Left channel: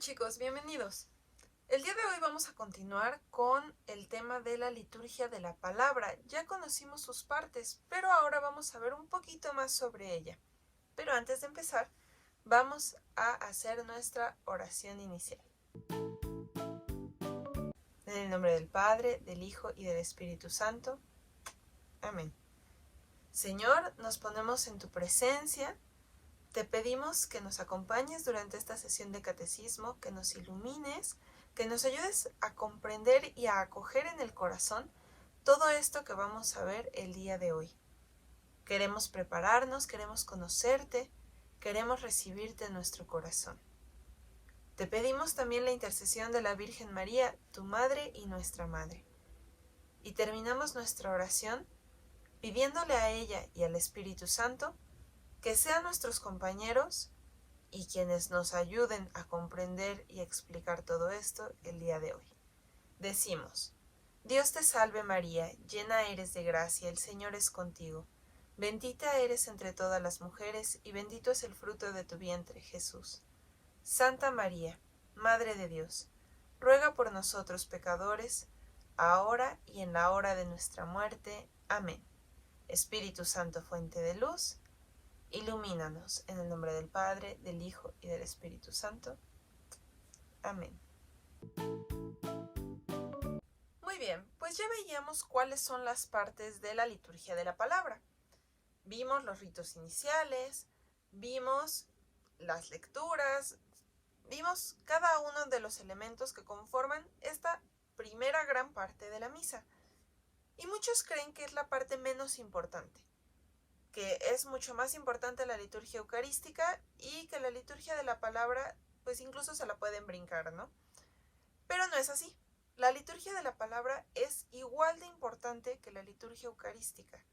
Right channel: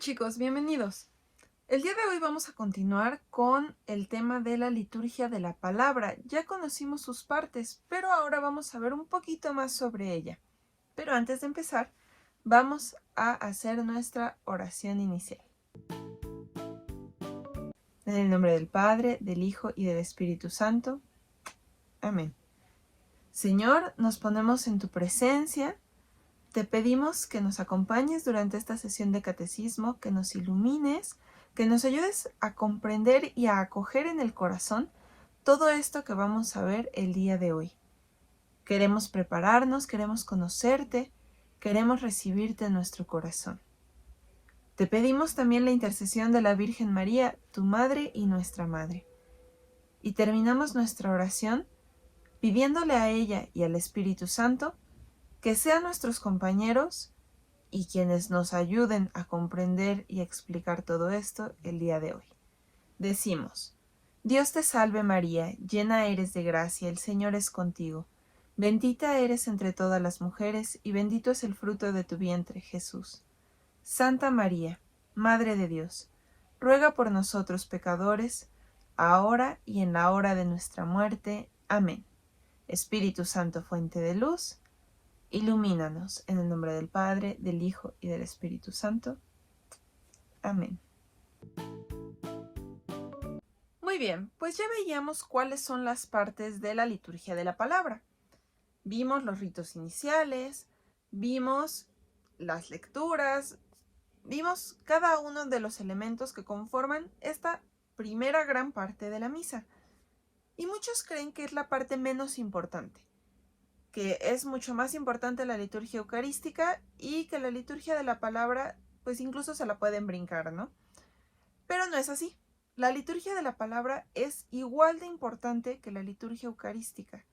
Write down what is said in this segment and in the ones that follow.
Chicos, bienvenidos. El día de hoy vamos a continuar con el tema de la liturgia de la palabra. Ya conocimos sus partes, pero ahora vamos a ver un poquito más sobre ella. Pero antes de empezar, vamos a hacer nuestra oración inicial. En el nombre del Padre, del Hijo y del Espíritu Santo. Amén. Señor, nos ponemos en tu presencia. Te pedimos que nos acompañes durante esta sesión de catecismo, que nos ilumines, que nos ayudes a comprender y a acoger en el corazón todo esto que vamos a ver el día de hoy. Queremos prepararnos, queremos conocerte, queremos recibirte en nuestro corazón. Te pedimos también la intercesión de la Virgen María, tu Madre y nuestra Madre. Y terminamos nuestra oración pidiéndole a ella y al Espíritu Santo que sean nuestros compañeros y quienes nos ayuden a comprender y explicar todo esto el día de hoy. Decimos: Dios te salve María, llena eres de gracia, el Señor es contigo. Bendita eres entre todas las mujeres y bendito es el fruto de tu vientre, Jesús. Santa María, Madre de Dios, ruega por nosotros pecadores, ahora y en la hora de nuestra muerte. Amén. Espíritu Santo, fuente de luz, ilumínanos, en el nombre del Padre, del Hijo y del Espíritu Santo. Amén. Muy bien, pues ya veíamos cuáles son las partes de la liturgia de la palabra. Vimos los ritos iniciales, vimos las lecturas, vimos cada uno de los elementos que conforman esta primera gran parte de la misa. Y muchos creen que es la parte menos importante, que es mucho más importante la liturgia eucarística y que la liturgia de la palabra, pues incluso se la pueden brincar, ¿no? Pero no es así. La liturgia de la palabra es igual de importante que la liturgia eucarística.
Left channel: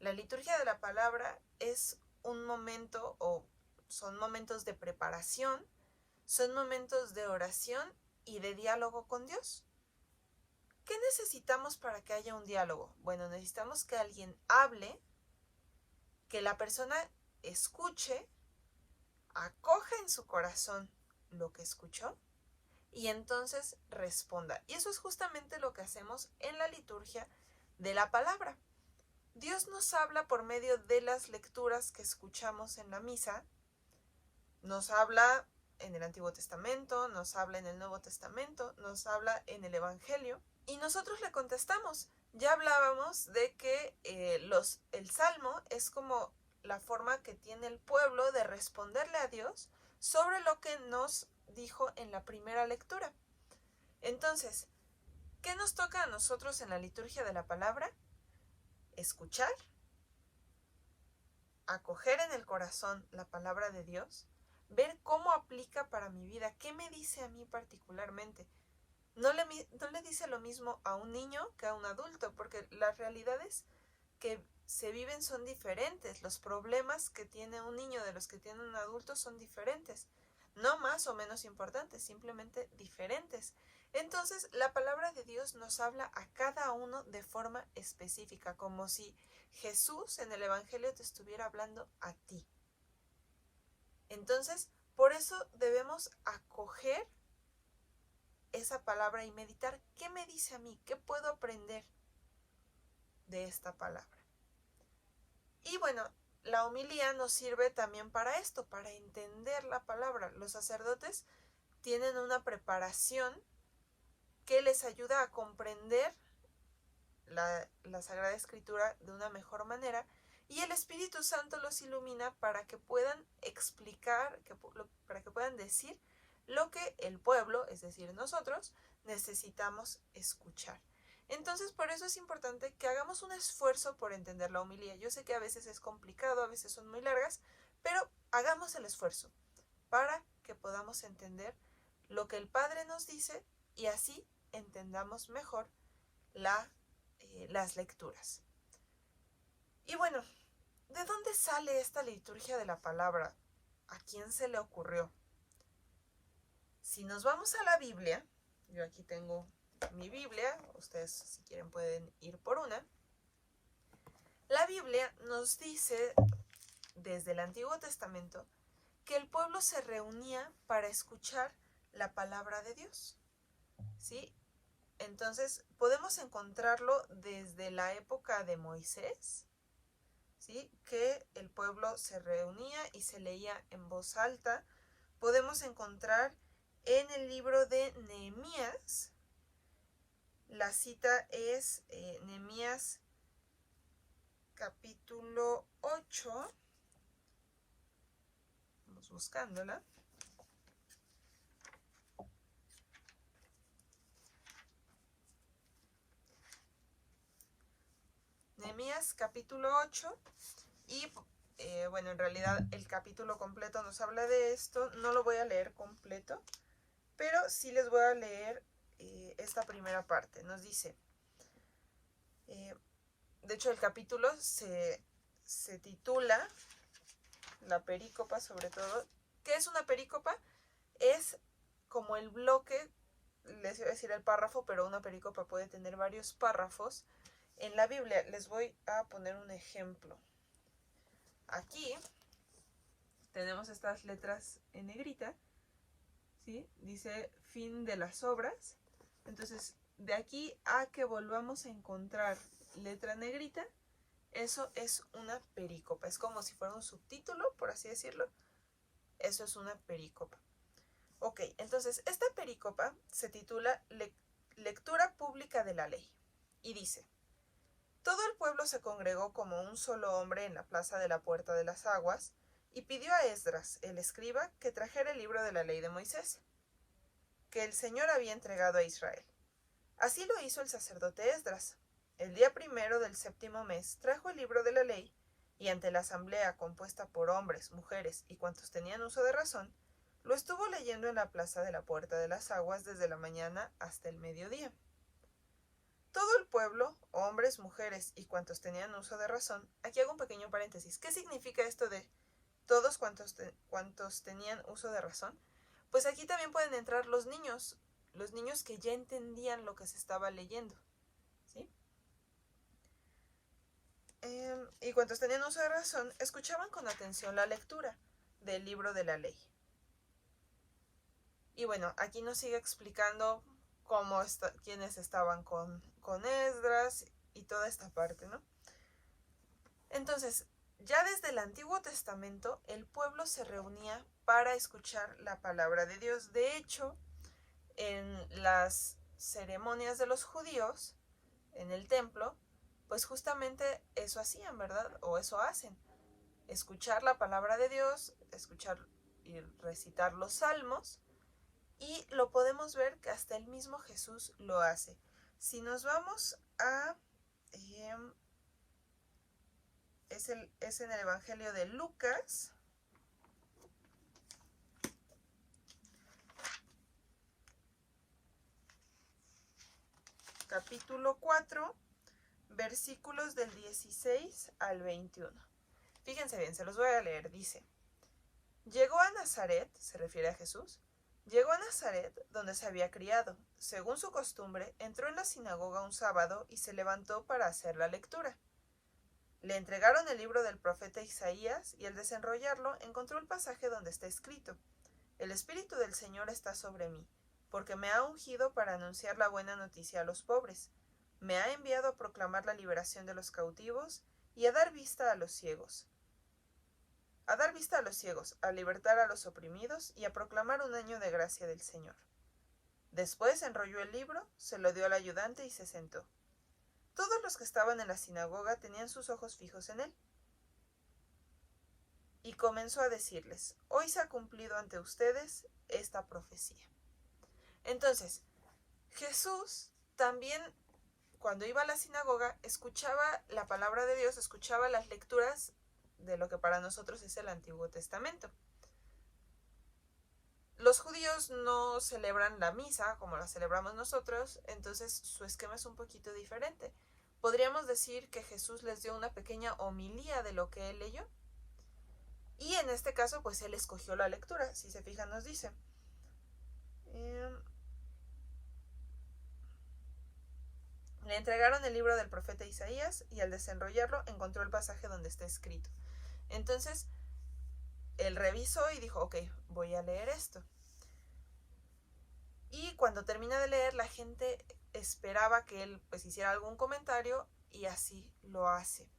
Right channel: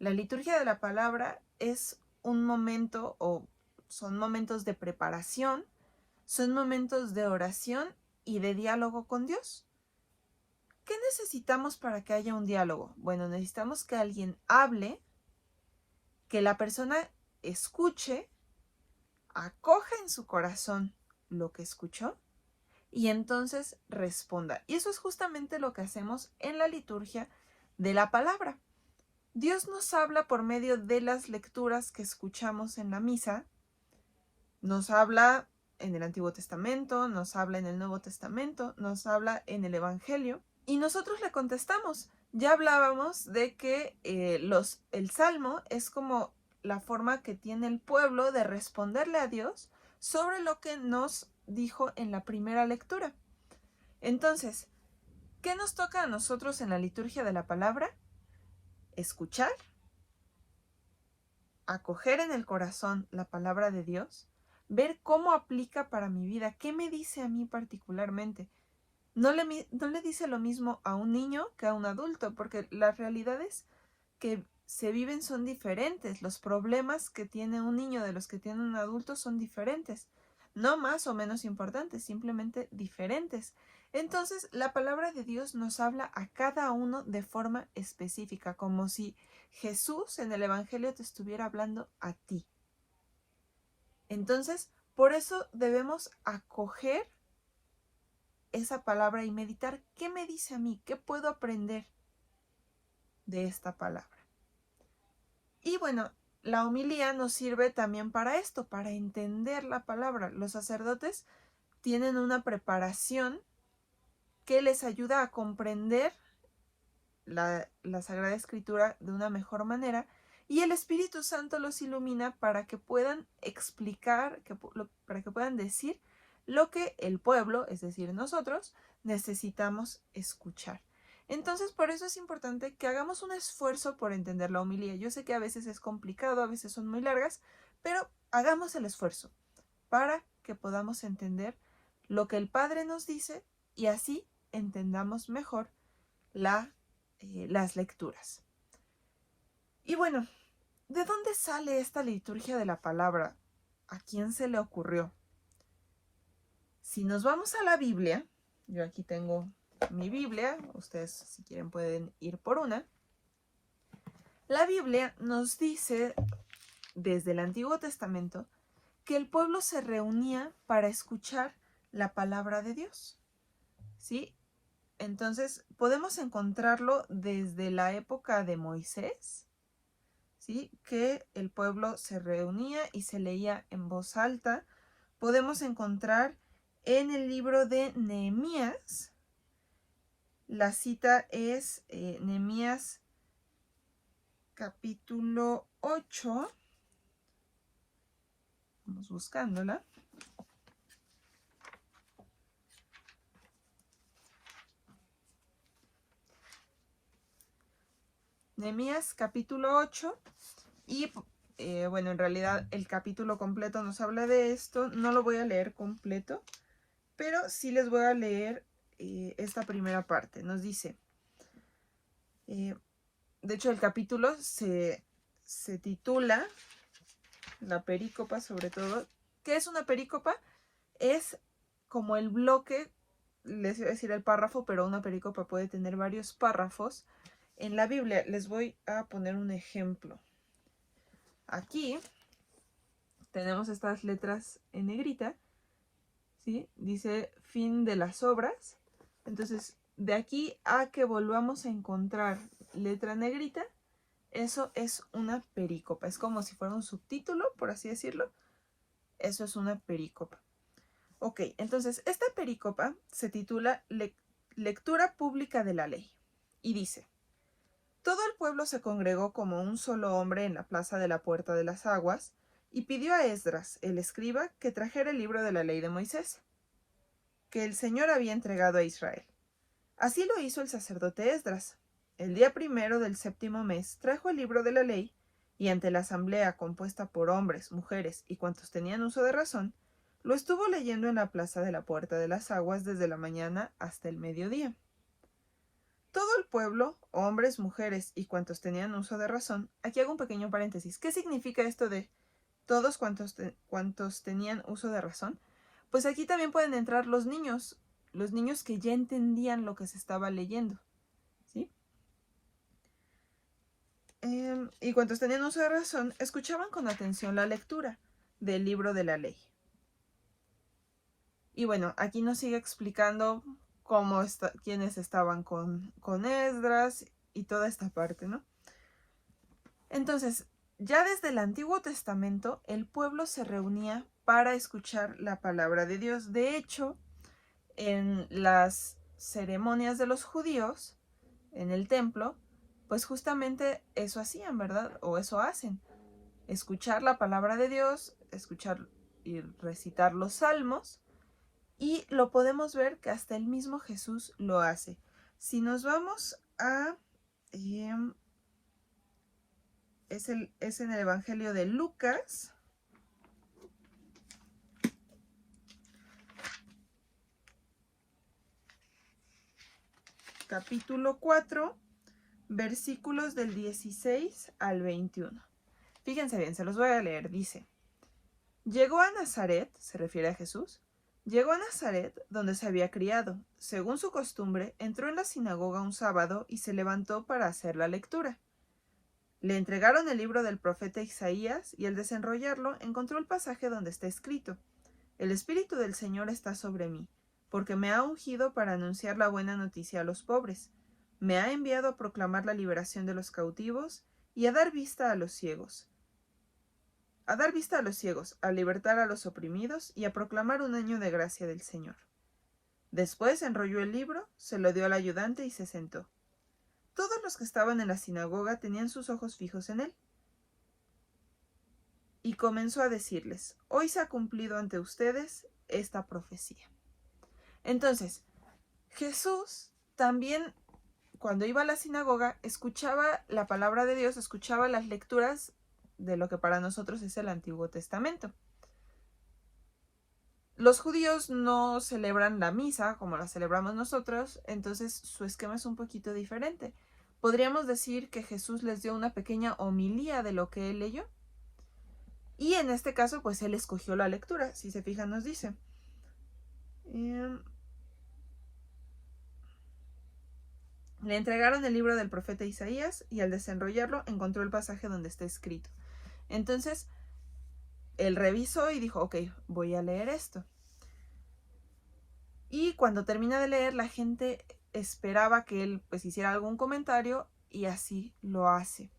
La liturgia de la palabra es un momento, o son momentos de preparación, son momentos de oración y de diálogo con Dios. ¿Qué necesitamos para que haya un diálogo? Bueno, necesitamos que alguien hable, que la persona escuche, acoja en su corazón lo que escuchó y entonces responda. Y eso es justamente lo que hacemos en la liturgia de la palabra. Dios nos habla por medio de las lecturas que escuchamos en la misa. Nos habla en el Antiguo Testamento, nos habla en el Nuevo Testamento, nos habla en el Evangelio y nosotros le contestamos. Ya hablábamos de que el Salmo es como la forma que tiene el pueblo de responderle a Dios sobre lo que nos dijo en la primera lectura. Entonces, ¿qué nos toca a nosotros en la liturgia de la palabra? Escuchar, acoger en el corazón la palabra de Dios, ver cómo aplica para mi vida, qué me dice a mí particularmente. No le dice lo mismo a un niño que a un adulto, porque las realidades que se viven son diferentes. Los problemas que tiene un niño de los que tiene un adulto son diferentes. No más o menos importantes, simplemente diferentes. Entonces, la palabra de Dios nos habla a cada uno de forma específica, como si Jesús en el Evangelio te estuviera hablando a ti. Entonces, por eso debemos acoger esa palabra y meditar qué me dice a mí, qué puedo aprender de esta palabra. Y bueno, la homilía nos sirve también para esto, para entender la palabra. Los sacerdotes tienen una preparación que les ayuda a comprender la Sagrada Escritura de una mejor manera y el Espíritu Santo los ilumina para que puedan explicar, para que puedan decir lo que el pueblo, es decir, nosotros, necesitamos escuchar. Entonces, por eso es importante que hagamos un esfuerzo por entender la homilía. Yo sé que a veces es complicado, a veces son muy largas, pero hagamos el esfuerzo para que podamos entender lo que el Padre nos dice y así entendamos mejor las lecturas. Y bueno, ¿de dónde sale esta liturgia de la palabra? ¿A quién se le ocurrió? Si nos vamos a la Biblia, yo aquí tengo mi Biblia, ustedes si quieren pueden ir por una. La Biblia nos dice desde el Antiguo Testamento que el pueblo se reunía para escuchar la palabra de Dios, ¿sí? Entonces, podemos encontrarlo desde la época de Moisés, ¿sí? Que el pueblo se reunía y se leía en voz alta. Podemos encontrar en el libro de Nehemías, la cita es Nehemías capítulo 8. Vamos buscándola. Nehemías capítulo 8 y bueno, en realidad el capítulo completo nos habla de esto. No lo voy a leer completo, pero sí les voy a leer esta primera parte. Nos dice, de hecho el capítulo se titula, la perícopa sobre todo. ¿Qué es una perícopa? Es como el bloque, les iba a decir el párrafo, pero una perícopa puede tener varios párrafos. En la Biblia les voy a poner un ejemplo. Aquí tenemos estas letras en negrita, ¿sí? Dice fin de las obras. Entonces, de aquí a que volvamos a encontrar letra negrita, eso es una perícopa. Es como si fuera un subtítulo, por así decirlo. Eso es una perícopa. Ok, entonces esta perícopa se titula Lectura pública de la ley. Y dice: todo el pueblo se congregó como un solo hombre en la plaza de la Puerta de las Aguas y pidió a Esdras, el escriba, que trajera el libro de la ley de Moisés, que el Señor había entregado a Israel. Así lo hizo el sacerdote Esdras. El día 1 del 7º mes trajo el libro de la ley y ante la asamblea compuesta por hombres, mujeres y cuantos tenían uso de razón, lo estuvo leyendo en la plaza de la Puerta de las Aguas desde la mañana hasta el mediodía. Todo el pueblo, hombres, mujeres y cuantos tenían uso de razón. Aquí hago un pequeño paréntesis. ¿Qué significa esto de todos cuantos tenían uso de razón? Pues aquí también pueden entrar los niños que ya entendían lo que se estaba leyendo, ¿sí? Y cuantos tenían uso de razón, escuchaban con atención la lectura del libro de la ley. Y bueno, aquí nos sigue explicando quiénes estaban con Esdras y toda esta parte, ¿no? Entonces, ya desde el Antiguo Testamento, el pueblo se reunía para escuchar la palabra de Dios. De hecho, en las ceremonias de los judíos, en el templo, pues justamente eso hacían, ¿verdad? O eso hacen. Escuchar la palabra de Dios, escuchar y recitar los salmos. Y lo podemos ver que hasta el mismo Jesús lo hace. Si nos vamos a... es en el Evangelio de Lucas. Capítulo 4, versículos del 16 al 21. Fíjense bien, se los voy a leer. Dice: llegó a Nazaret, se refiere a Jesús. Llegó a Nazaret, donde se había criado. Según su costumbre, entró en la sinagoga un sábado y se levantó para hacer la lectura. Le entregaron el libro del profeta Isaías y al desenrollarlo encontró el pasaje donde está escrito: el Espíritu del Señor está sobre mí, porque me ha ungido para anunciar la buena noticia a los pobres. Me ha enviado a proclamar la liberación de los cautivos y a dar vista a los ciegos. A libertar a los oprimidos y a proclamar un año de gracia del Señor. Después enrolló el libro, se lo dio al ayudante y se sentó. Todos los que estaban en la sinagoga tenían sus ojos fijos en él. Y comenzó a decirles: hoy se ha cumplido ante ustedes esta profecía. Entonces, Jesús también, cuando iba a la sinagoga, escuchaba la palabra de Dios, escuchaba las lecturas de lo que para nosotros es el Antiguo Testamento. Los judíos no celebran la misa como la celebramos nosotros, entonces su esquema es un poquito diferente. Podríamos decir que Jesús les dio una pequeña homilía de lo que él leyó. Y en este caso, pues él escogió la lectura. Si se fijan, nos dice: le entregaron el libro del profeta Isaías y al desenrollarlo encontró el pasaje donde está escrito. Entonces, él revisó y dijo: ok, voy a leer esto. Y cuando termina de leer, la gente esperaba que él pues hiciera algún comentario y así lo hace.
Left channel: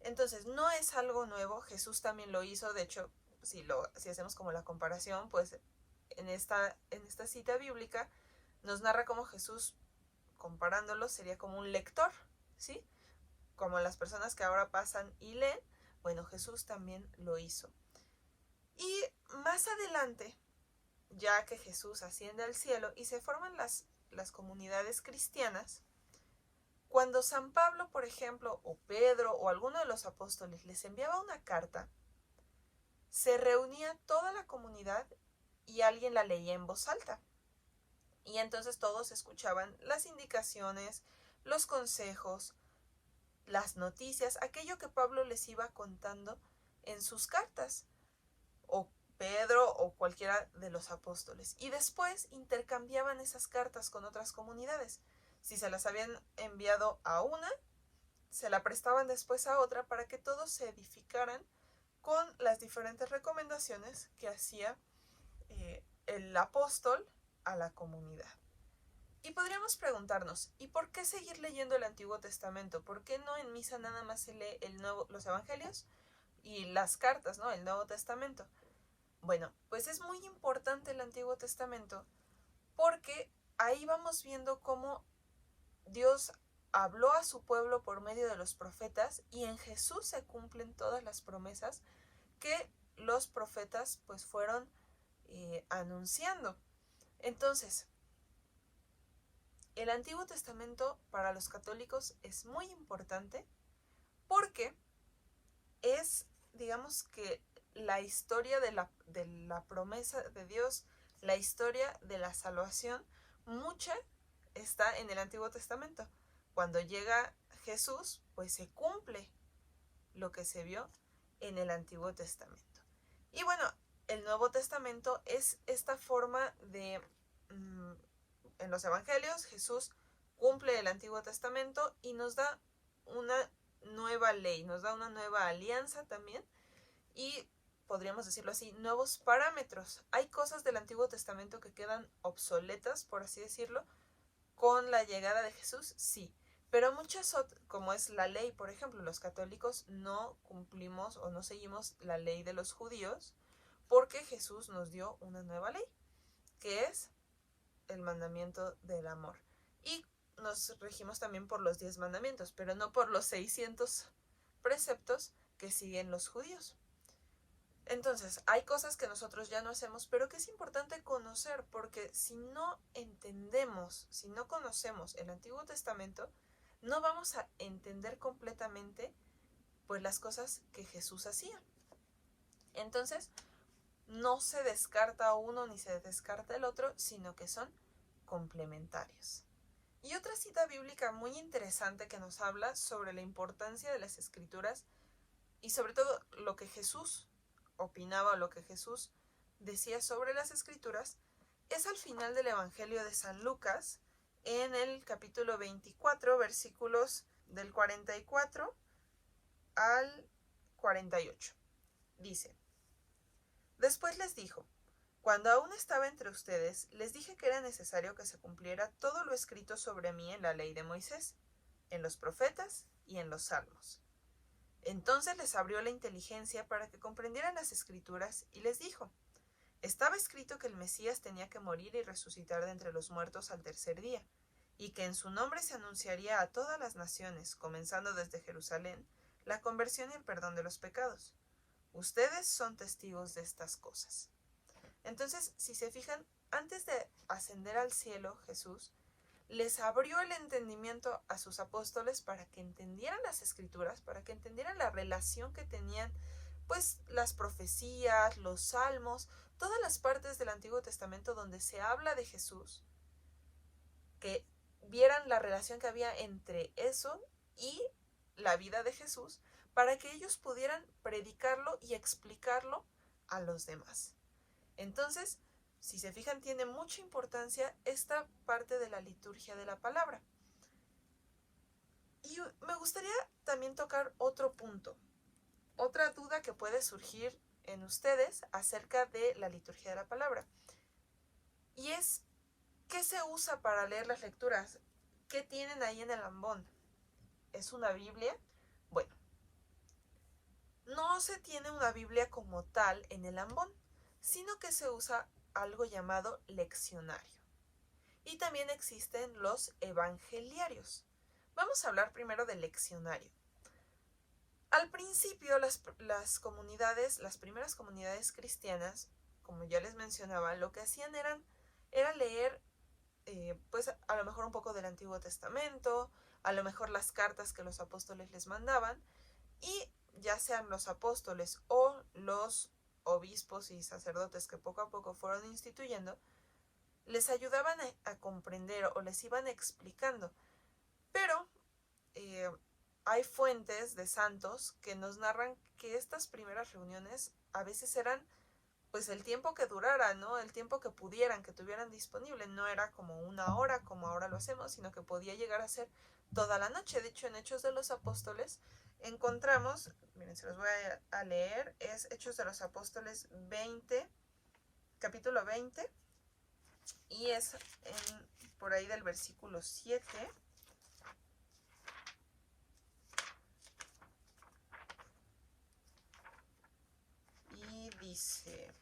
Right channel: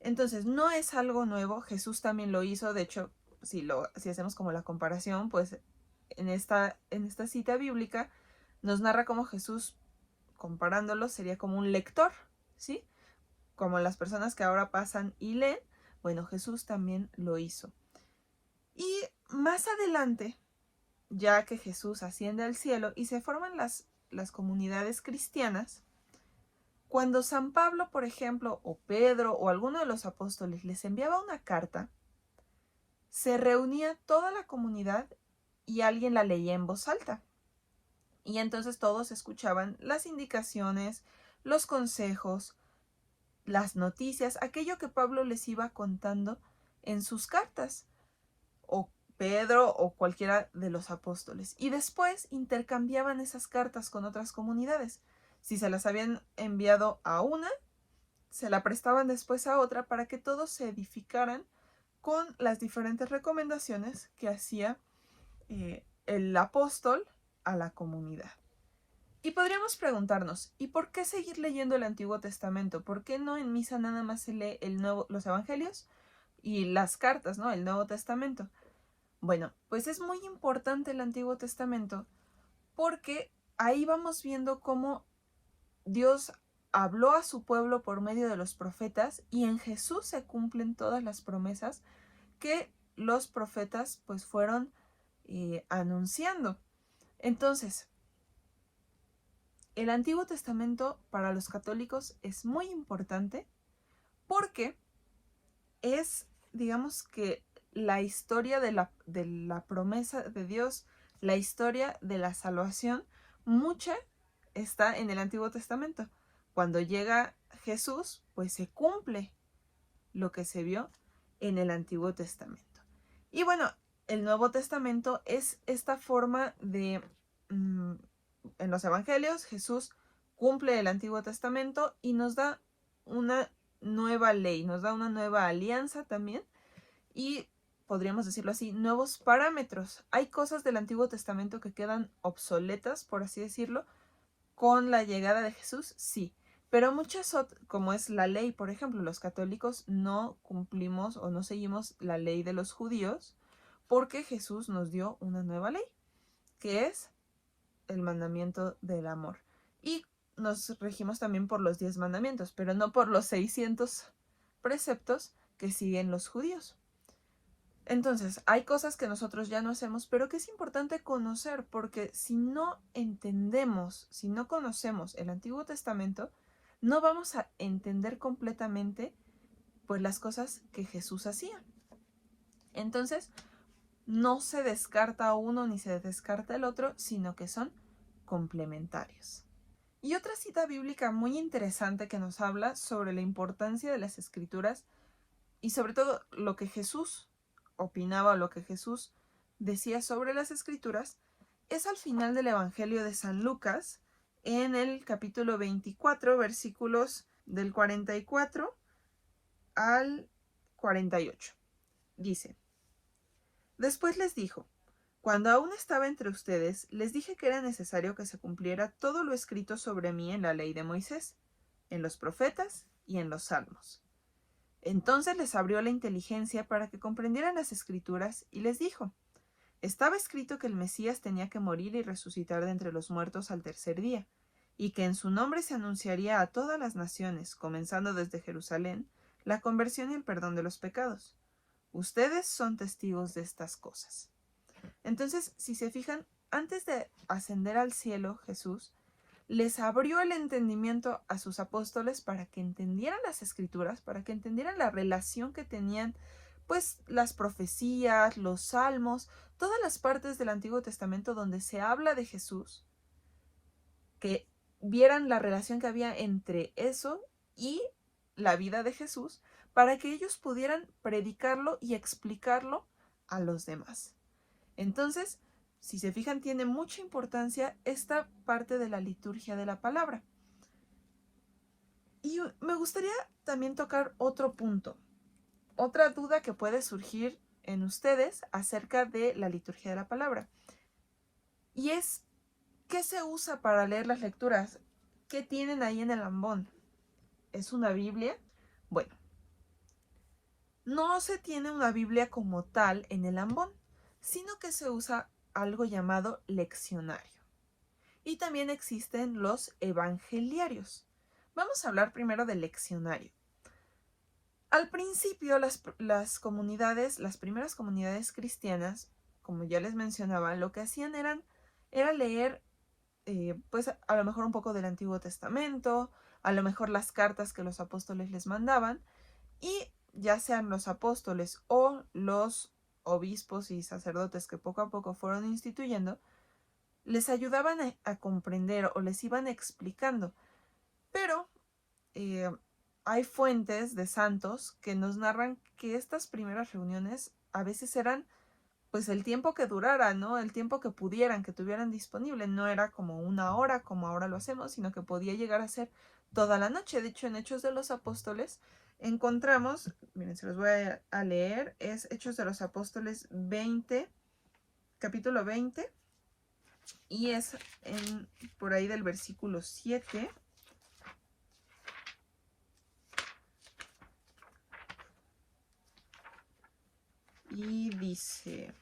Entonces, no es algo nuevo, Jesús también lo hizo, de hecho, si hacemos como la comparación, pues en esta cita bíblica nos narra cómo Jesús, comparándolo, sería como un lector, ¿sí? Como las personas que ahora pasan y leen, bueno, Jesús también lo hizo. Y más adelante, ya que Jesús asciende al cielo y se forman las comunidades cristianas, cuando San Pablo, por ejemplo, o Pedro o alguno de los apóstoles les enviaba una carta, se reunía toda la comunidad y alguien la leía en voz alta. Y entonces todos escuchaban las indicaciones, los consejos, las noticias, aquello que Pablo les iba contando en sus cartas, o Pedro o cualquiera de los apóstoles. Y después intercambiaban esas cartas con otras comunidades. Si se las habían enviado a una, se la prestaban después a otra para que todos se edificaran con las diferentes recomendaciones que hacía el apóstol a la comunidad. Y podríamos preguntarnos, ¿y por qué seguir leyendo el Antiguo Testamento? ¿Por qué no en misa nada más se lee los evangelios y las cartas, ¿no? El Nuevo Testamento. Bueno, pues es muy importante el Antiguo Testamento porque ahí vamos viendo cómo Dios habló a su pueblo por medio de los profetas y en Jesús se cumplen todas las promesas que los profetas pues fueron anunciando. Entonces, el Antiguo Testamento para los católicos es muy importante porque es, digamos que, la historia de la promesa de Dios, la historia de la salvación, mucha está en el Antiguo Testamento. Cuando llega Jesús, pues se cumple lo que se vio en el Antiguo Testamento. Y bueno, el Nuevo Testamento es esta forma de, en los Evangelios, Jesús cumple el Antiguo Testamento y nos da una nueva ley, nos da una nueva alianza también y podríamos decirlo así, nuevos parámetros. Hay cosas del Antiguo Testamento que quedan obsoletas, por así decirlo, con la llegada de Jesús, sí. Pero muchas otras, como es la ley, por ejemplo, los católicos no cumplimos o no seguimos la ley de los judíos porque Jesús nos dio una nueva ley, que es el mandamiento del amor. Y nos regimos también por los 10 mandamientos, pero no por los 600 preceptos que siguen los judíos. Entonces, hay cosas que nosotros ya no hacemos, pero que es importante conocer, porque si no entendemos, si no conocemos el Antiguo Testamento, no vamos a entender completamente pues las cosas que Jesús hacía. Entonces, no se descarta uno ni se descarta el otro, sino que son complementarios. Y otra cita bíblica muy interesante que nos habla sobre la importancia de las Escrituras y sobre todo lo que Jesús opinaba o lo que Jesús decía sobre las Escrituras es al final del Evangelio de San Lucas, en el capítulo 24, versículos del 44 al 48. Dice: Después les dijo: Cuando aún estaba entre ustedes, les dije que era necesario que se cumpliera todo lo escrito sobre mí en la ley de Moisés, en los profetas y en los salmos. Entonces les abrió la inteligencia para que comprendieran las Escrituras y les dijo: Estaba escrito que el Mesías tenía que morir y resucitar de entre los muertos al tercer día, y que en su nombre se anunciaría a todas las naciones, comenzando desde Jerusalén, la conversión y el perdón de los pecados. Ustedes son testigos de estas cosas. Entonces, si se fijan, antes de ascender al cielo, Jesús les abrió el entendimiento a sus apóstoles para que entendieran las Escrituras, para que entendieran la relación que tenían, pues, las profecías, los salmos, todas las partes del Antiguo Testamento donde se habla de Jesús, que vieran la relación que había entre eso y la vida de Jesús, para que ellos pudieran predicarlo y explicarlo a los demás. Entonces, si se fijan, tiene mucha importancia esta parte de la liturgia de la palabra. Y me gustaría también tocar otro punto, otra duda que puede surgir en ustedes acerca de la liturgia de la palabra. Y es, ¿Qué se usa para leer las lecturas? ¿Qué tienen ahí en el ambón? ¿Es una Biblia? Bueno, no se tiene una Biblia como tal en el ambón, sino que se usa algo llamado leccionario. Y también existen los evangeliarios. Vamos a hablar primero del leccionario. Al principio, las primeras comunidades cristianas, como ya les mencionaba, lo que hacían era leer, pues a lo mejor un poco del Antiguo Testamento, a lo mejor las cartas que los apóstoles les mandaban, y ya sean los apóstoles o los obispos y sacerdotes que poco a poco fueron instituyendo, les ayudaban a comprender o les iban explicando. Pero hay fuentes de santos que nos narran que estas primeras reuniones a veces eran pues el tiempo que durara, ¿no? El tiempo que pudieran, que tuvieran disponible. No era como una hora como ahora lo hacemos, sino que podía llegar a ser toda la noche. De hecho, en Hechos de los Apóstoles encontramos, miren, se los voy a leer, es Hechos de los Apóstoles 20, capítulo 20, y es por ahí del versículo 7. Y dice:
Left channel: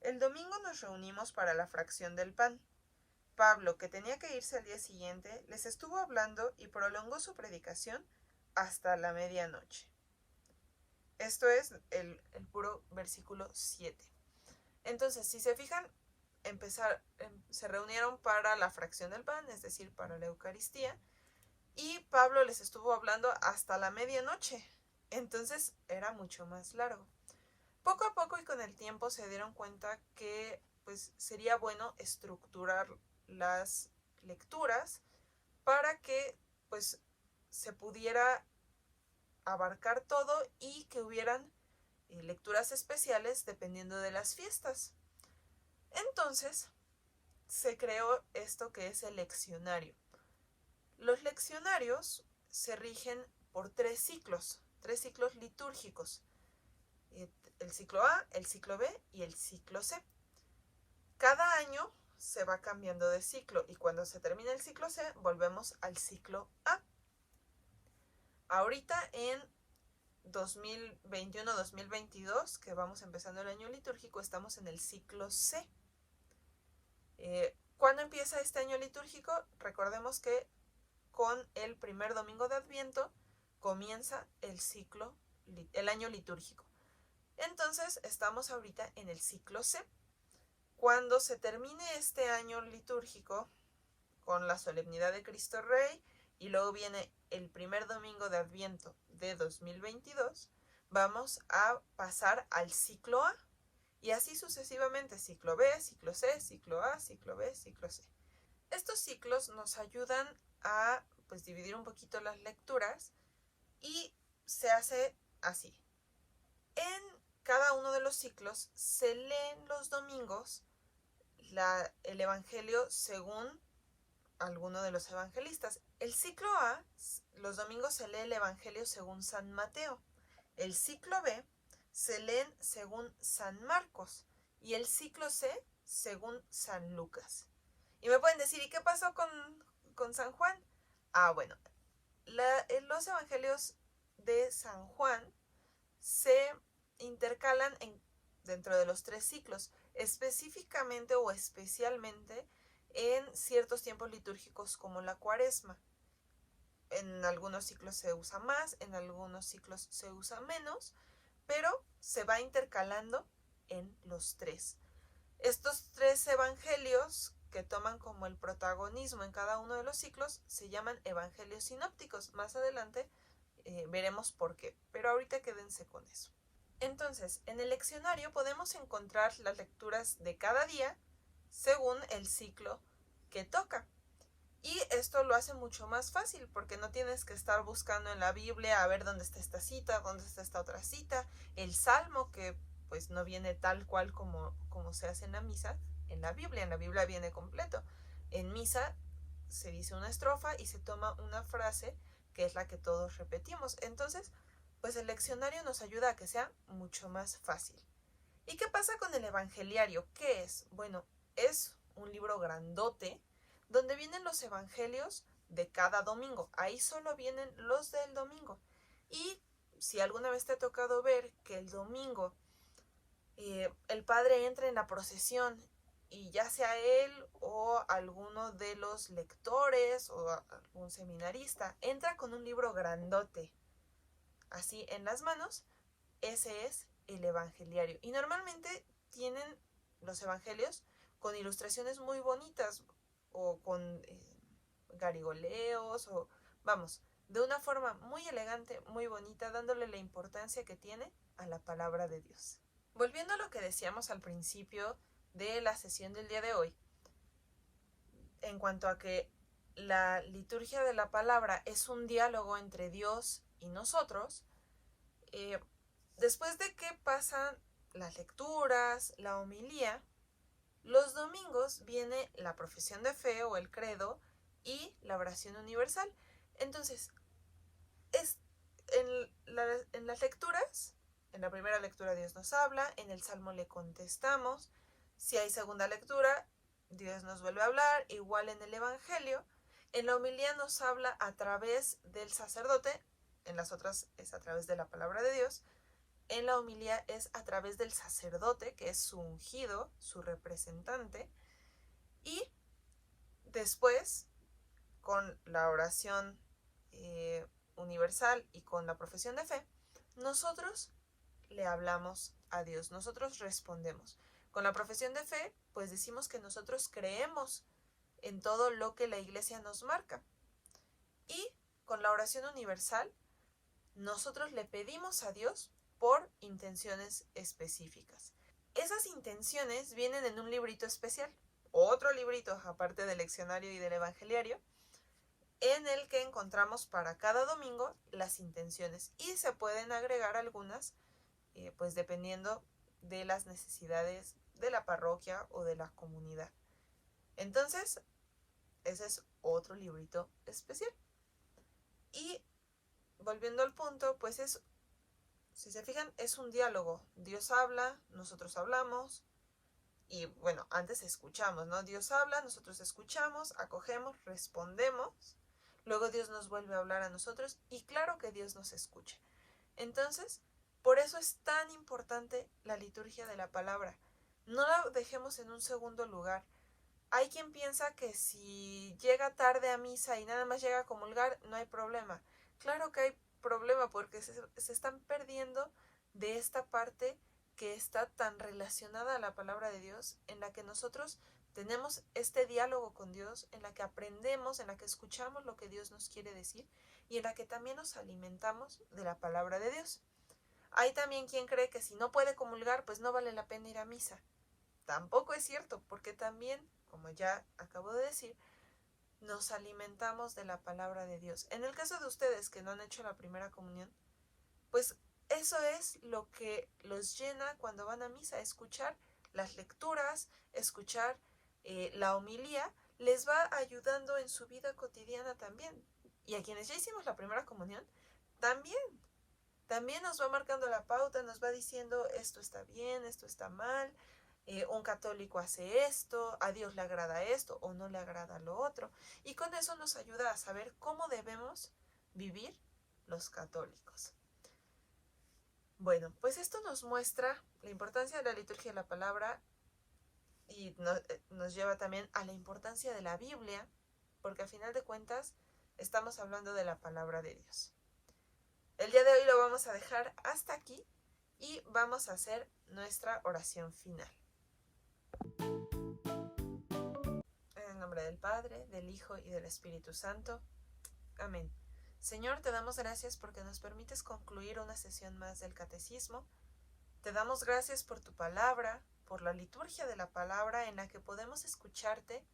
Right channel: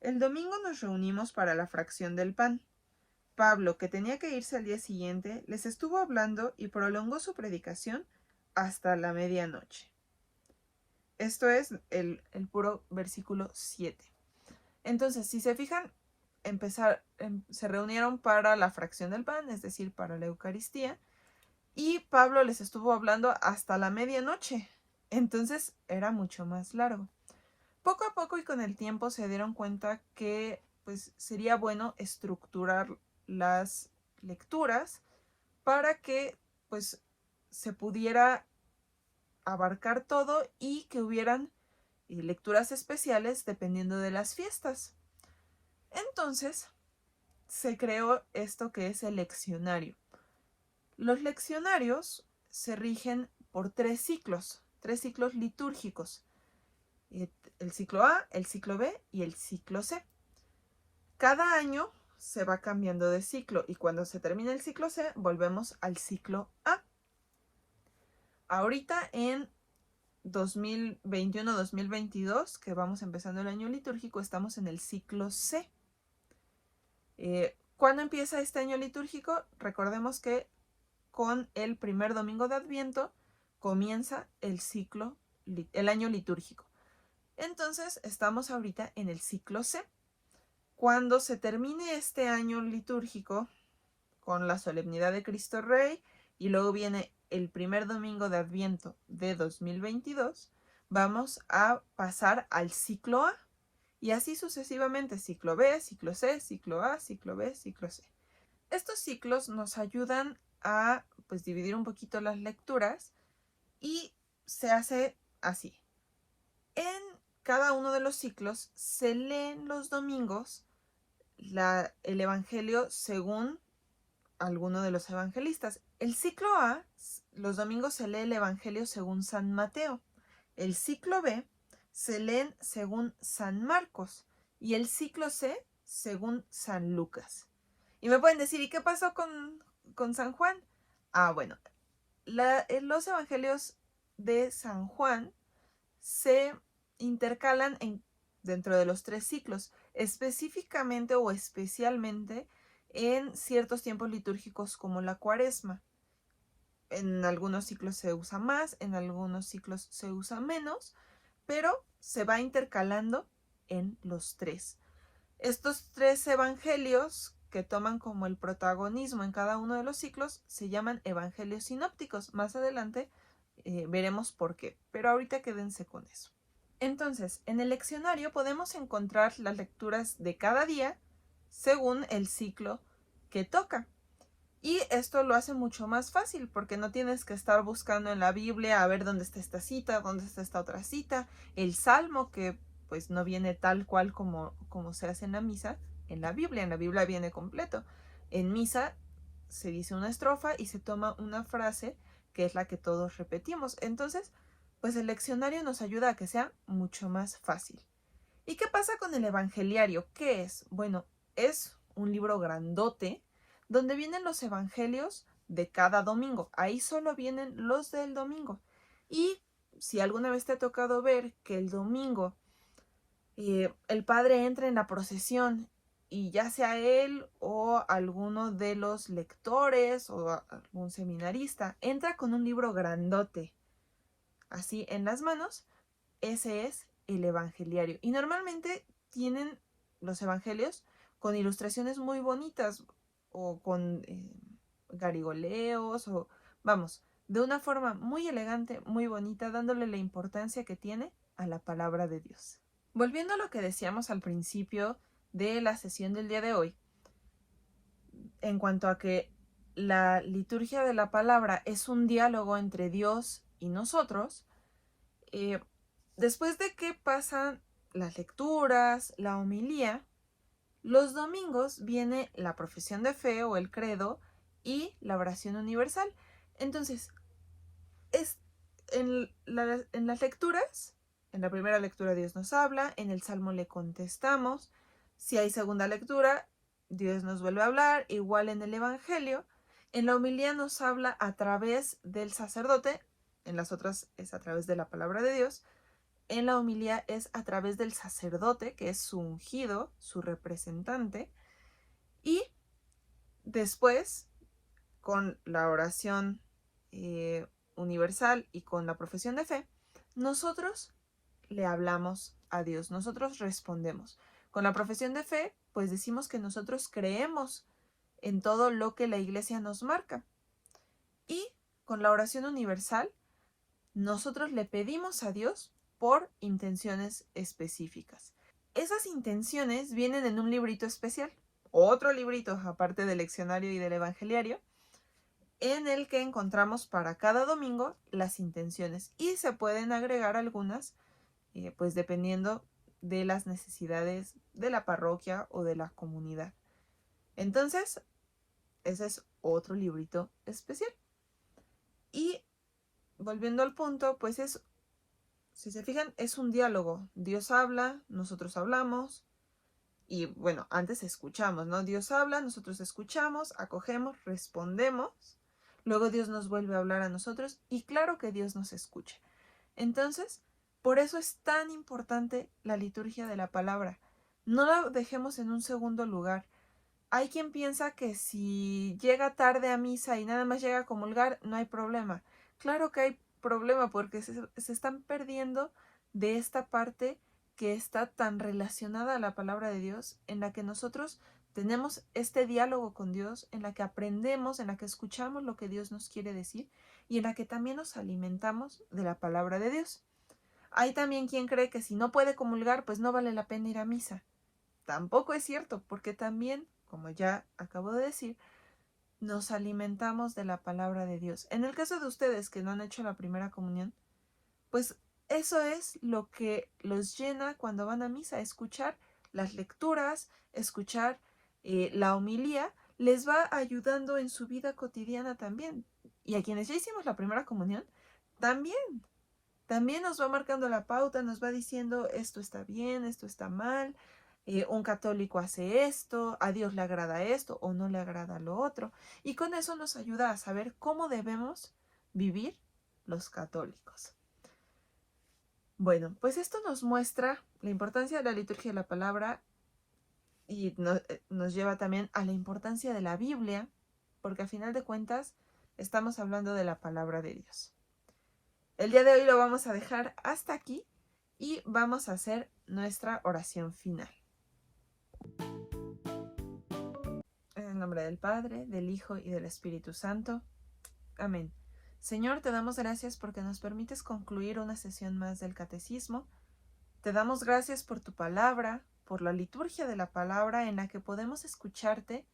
el domingo nos reunimos para la fracción del pan. Pablo, que tenía que irse al día siguiente, les estuvo hablando y prolongó su predicación hasta la medianoche. Esto es el puro versículo 7. Entonces, si se fijan, se reunieron para la fracción del pan, es decir, para la Eucaristía, y Pablo les estuvo hablando hasta la medianoche. Entonces, era mucho más largo. Poco a poco y con el tiempo se dieron cuenta que pues sería bueno estructurar las lecturas para que pues se pudiera abarcar todo y que hubieran lecturas especiales dependiendo de las fiestas. Entonces se creó esto que es el leccionario. Los leccionarios se rigen por tres ciclos litúrgicos. El ciclo A, el ciclo B y el ciclo C. Cada año se va cambiando de ciclo y cuando se termina el ciclo C volvemos al ciclo A. Ahorita en 2021-2022, que vamos empezando el año litúrgico, estamos en el ciclo C. ¿Cuándo empieza este año litúrgico? Recordemos que con el primer domingo de Adviento comienza el año litúrgico. Entonces, estamos ahorita en el ciclo C. Cuando se termine este año litúrgico con la solemnidad de Cristo Rey y luego viene el primer domingo de Adviento de 2022, vamos a pasar al ciclo A y así sucesivamente, ciclo B, ciclo C, ciclo A, ciclo B, ciclo C. Estos ciclos nos ayudan a pues dividir un poquito las lecturas y se hace así. En cada uno de los ciclos se leen los domingos el Evangelio según alguno de los evangelistas. El ciclo A, los domingos se lee el Evangelio según San Mateo. El ciclo B se leen según San Marcos. Y el ciclo C según San Lucas. Y me pueden decir, ¿y qué pasó con San Juan? Bueno, los evangelios de San Juan se intercalan dentro de los tres ciclos, específicamente o especialmente en ciertos tiempos litúrgicos como la Cuaresma. En algunos ciclos se usa más, en algunos ciclos se usa menos, pero se va intercalando en los tres. Estos tres evangelios que toman como el protagonismo en cada uno de los ciclos se llaman evangelios sinópticos. Más adelante veremos por qué, pero ahorita quédense con eso. Entonces, en el leccionario podemos encontrar las lecturas de cada día según el ciclo que toca. Y esto lo hace mucho más fácil porque no tienes que estar buscando en la Biblia a ver dónde está esta cita, dónde está esta otra cita, el salmo que pues no viene tal cual como se hace en la misa, en la Biblia viene completo. En misa se dice una estrofa y se toma una frase que es la que todos repetimos. Entonces, pues el leccionario nos ayuda a que sea mucho más fácil. ¿Y qué pasa con el evangeliario? ¿Qué es? Bueno, es un libro grandote donde vienen los evangelios de cada domingo. Ahí solo vienen los del domingo. Y si alguna vez te ha tocado ver que el domingo el padre entra en la procesión y ya sea él o alguno de los lectores o algún seminarista entra con un libro grandote así en las manos, ese es el evangeliario. Y normalmente tienen los evangelios con ilustraciones muy bonitas o con garigoleos o vamos, de una forma muy elegante, muy bonita, dándole la importancia que tiene a la palabra de Dios. Volviendo a lo que decíamos al principio de la sesión del día de hoy, en cuanto a que la liturgia de la palabra es un diálogo entre Dios y nosotros, después de que pasan las lecturas, la homilía, los domingos viene la profesión de fe o el credo y la oración universal. Entonces, en las lecturas, en la primera lectura Dios nos habla, en el Salmo le contestamos, si hay segunda lectura, Dios nos vuelve a hablar, igual en el Evangelio, en la homilía nos habla a través del sacerdote, en las otras es a través de la palabra de Dios, en la homilía es a través del sacerdote, que es su ungido, su representante, y después, con la oración universal y con la profesión de fe, nosotros le hablamos a Dios, nosotros respondemos. Con la profesión de fe, pues decimos que nosotros creemos en todo lo que la Iglesia nos marca. Y con la oración universal, nosotros le pedimos a Dios por intenciones específicas. Esas intenciones vienen en un librito especial, otro librito aparte del leccionario y del evangeliario, en el que encontramos para cada domingo las intenciones y se pueden agregar algunas, pues dependiendo de las necesidades de la parroquia o de la comunidad. Entonces, ese es otro librito especial. Y volviendo al punto, pues si se fijan, es un diálogo. Dios habla, nosotros hablamos. Y bueno, antes escuchamos, ¿no? Dios habla, nosotros escuchamos, acogemos, respondemos. Luego Dios nos vuelve a hablar a nosotros y claro que Dios nos escucha. Entonces, por eso es tan importante la liturgia de la palabra. No la dejemos en un segundo lugar. Hay quien piensa que si llega tarde a misa y nada más llega a comulgar, no hay problema. Claro que hay problema porque se están perdiendo de esta parte que está tan relacionada a la palabra de Dios, en la que nosotros tenemos este diálogo con Dios, en la que aprendemos, en la que escuchamos lo que Dios nos quiere decir y en la que también nos alimentamos de la palabra de Dios. Hay también quien cree que si no puede comulgar, pues no vale la pena ir a misa. Tampoco es cierto, porque también, como ya acabo de decir, nos alimentamos de la palabra de Dios. En el caso de ustedes que no han hecho la primera comunión, pues eso es lo que los llena cuando van a misa, escuchar las lecturas, escuchar la homilía, les va ayudando en su vida cotidiana también. Y a quienes ya hicimos la primera comunión, también nos va marcando la pauta, nos va diciendo esto está bien, esto está mal, un católico hace esto, a Dios le agrada esto o no le agrada lo otro. Y con eso nos ayuda a saber cómo debemos vivir los católicos. Bueno, pues esto nos muestra la importancia de la liturgia de la palabra y nos lleva también a la importancia de la Biblia, porque a final de cuentas estamos hablando de la palabra de Dios. El día de hoy lo vamos a dejar hasta aquí y vamos a hacer nuestra oración final. En el nombre del Padre, del Hijo y del Espíritu Santo. Amén. Señor, te damos gracias porque nos permites concluir una sesión más del Catecismo. Te damos gracias por tu palabra, por la liturgia de la palabra en la que podemos escucharte,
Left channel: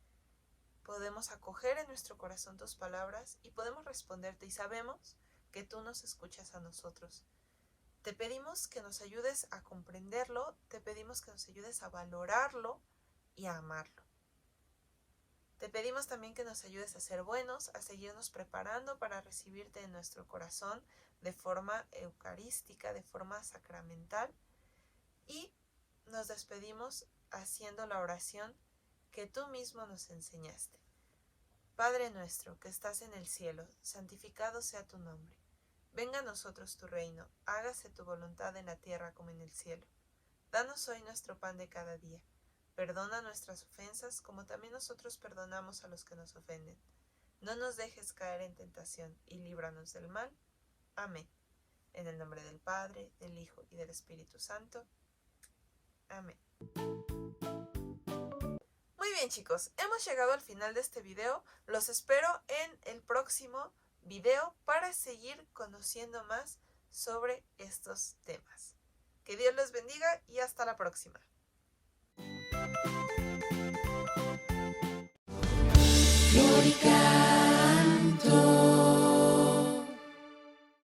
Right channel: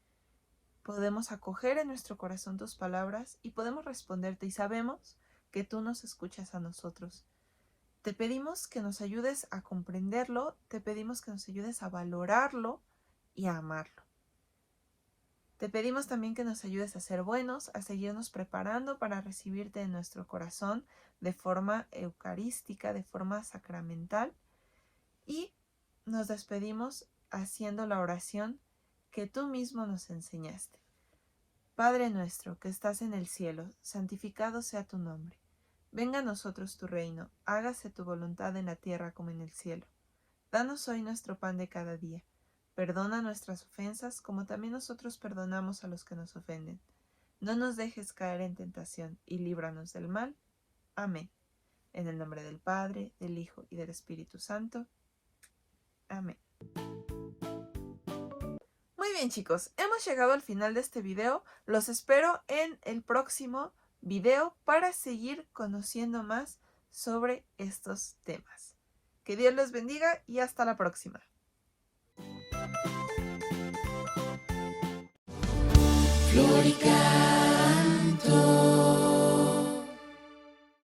podemos acoger en nuestro corazón tus palabras y podemos responderte y sabemos que tú nos escuchas a nosotros. Te pedimos que nos ayudes a comprenderlo, te pedimos que nos ayudes a valorarlo y a amarlo. Te pedimos también que nos ayudes a ser buenos, a seguirnos preparando para recibirte en nuestro corazón de forma eucarística, de forma sacramental. Y nos despedimos haciendo la oración que tú mismo nos enseñaste. Padre nuestro que estás en el cielo, santificado sea tu nombre. Venga a nosotros tu reino, hágase tu voluntad en la tierra como en el cielo. Danos hoy nuestro pan de cada día. Perdona nuestras ofensas como también nosotros perdonamos a los que nos ofenden. No nos dejes caer en tentación y líbranos del mal. Amén. En el nombre del Padre, del Hijo y del Espíritu Santo. Amén. Muy bien, chicos, hemos llegado al final de este video. Los espero en el próximo video para seguir conociendo más sobre estos temas. Que Dios los bendiga y hasta la próxima. Florica.